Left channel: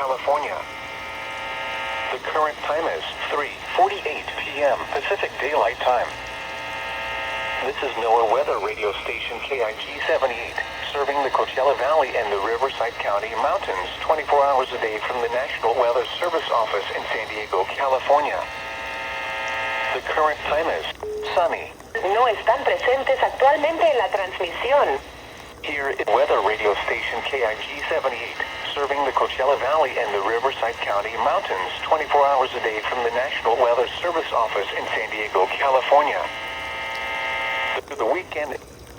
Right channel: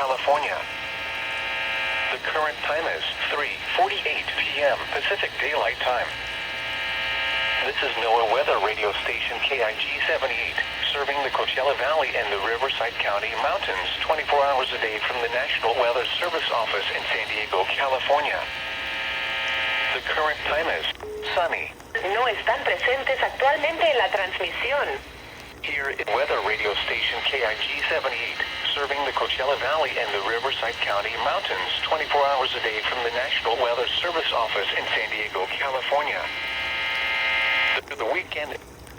California. The current time is 3:48 p.m. Pacific Daylight Time. This is NOAA Weather Radio Station KIG 78, serving the Coachella Valley and the Riverside County Mountains 24 hours a day from the National Weather Service office in San Diego, California. The current time is sunny. No están presentes actualmente en la transmisión. Here is Weather Radio Station KIG 78, serving the Coachella Valley and the Riverside County Mountains 24 hours a day from the National Weather Service office in San Diego, California. The weekend